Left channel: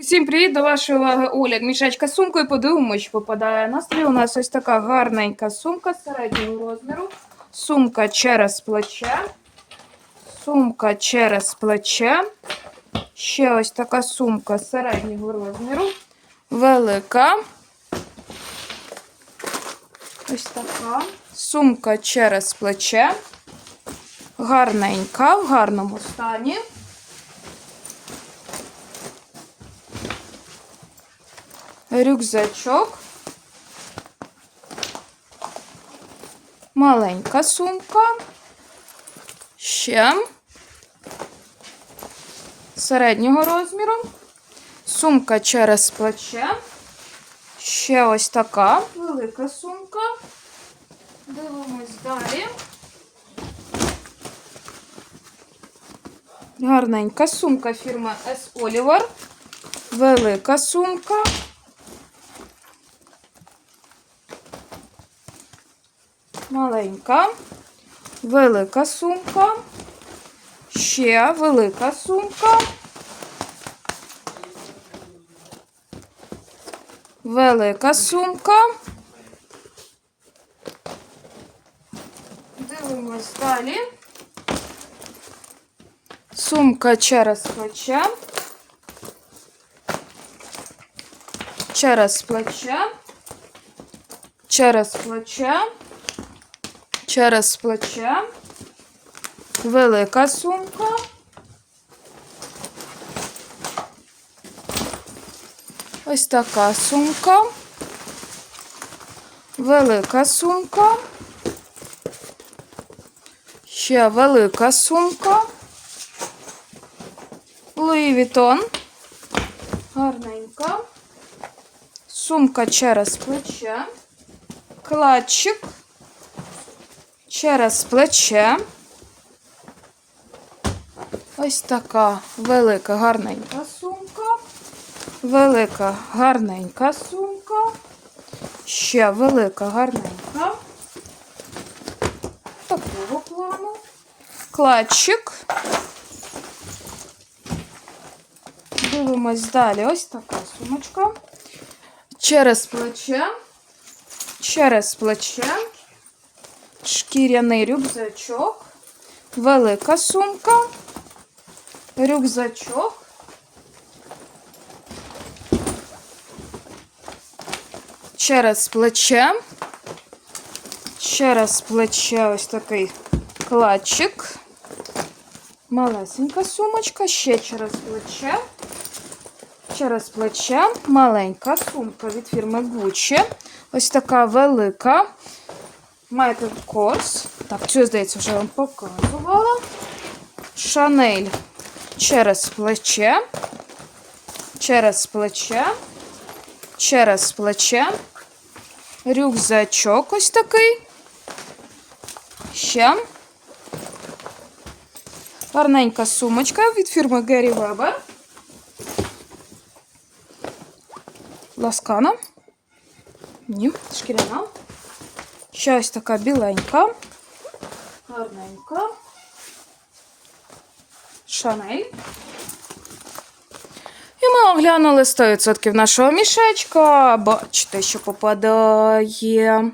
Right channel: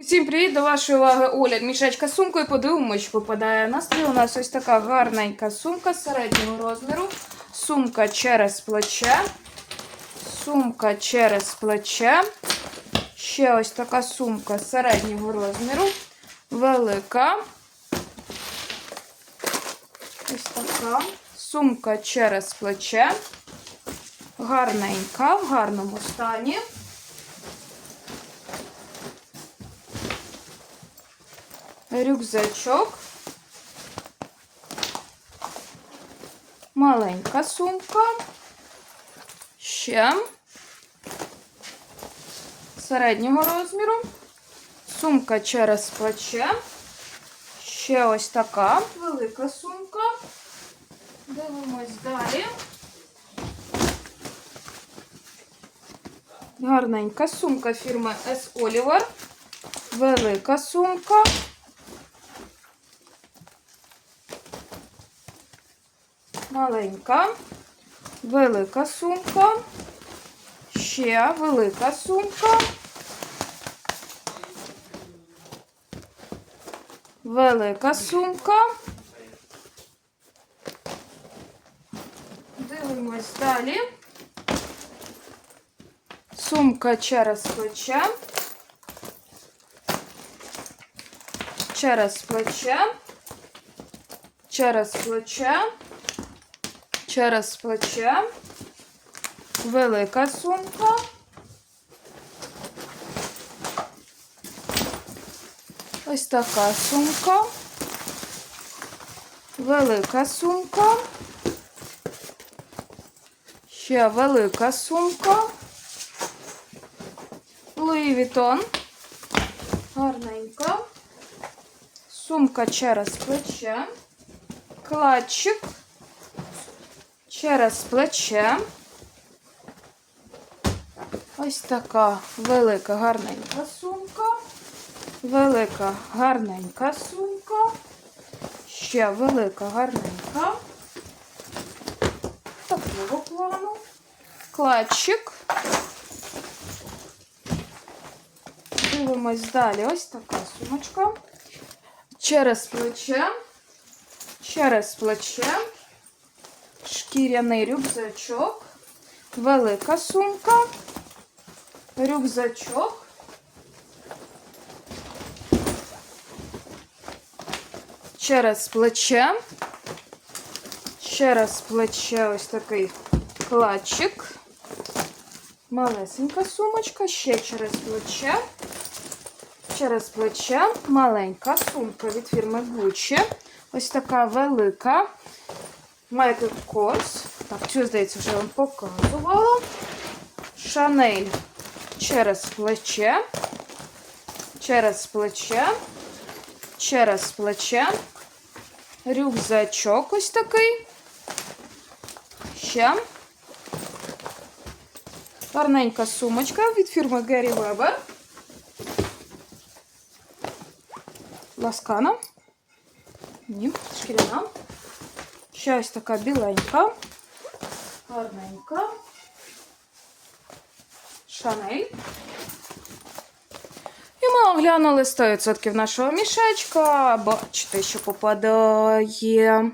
Усім привіт до вашої уваги Оля. Мішечка з сумкою подивимось, що попадає. На столі у нас ось така гарненька сумка середнього розміру. Сумка через плече. Сумка через плече. Ще ось така сумка середнього розміру. Велика. Ось така. Сумка через плече. Гарненька, в гарному стані. Рюкзачок, маленька сумка, ще середнього розміру, сумка через плече, ще ось така велика сумка. Дивимось далі. Гарненька сумка фірми S. Oliver. Велика сумка. Маленька, велика сумка, ще велика сумка, велика сумка. Дивимось далі. Сумка через плече. Через плече. Через плече через плече, велика сумка. Ось така сумка, велика сумка, ще велика сумка, Луї Вітон, гарненька, сумка через плече, кладчик через плече. Ось така велика гарненька сумка. Велика гарненька сумка. Ще велика гарненька. Такого плану. Кладчик. Дивимось далі. Ось така сумочка. Через плече. Через плече шкіряний рюкзачок, велика сумка, рюкзачок, через плече, через плече ось такий кладчик, малесенька сумочка, ще через плече. Через плече маленька сумка від фірми Gucci. Ось така велика. Майкл Корс. Так, цю, здається, вже вам показувала. Шанель через плече. Через плече. Через плече. Рюкзачок ось такий. Ще. Гарненька сумочка від фірми Геррі Вебер. Ласкана. Ні, шкіряна. Ще ось така біленька, гарненька. Шанель. І ми оглянули 100% нашого мішечка. Бачите, що попадає.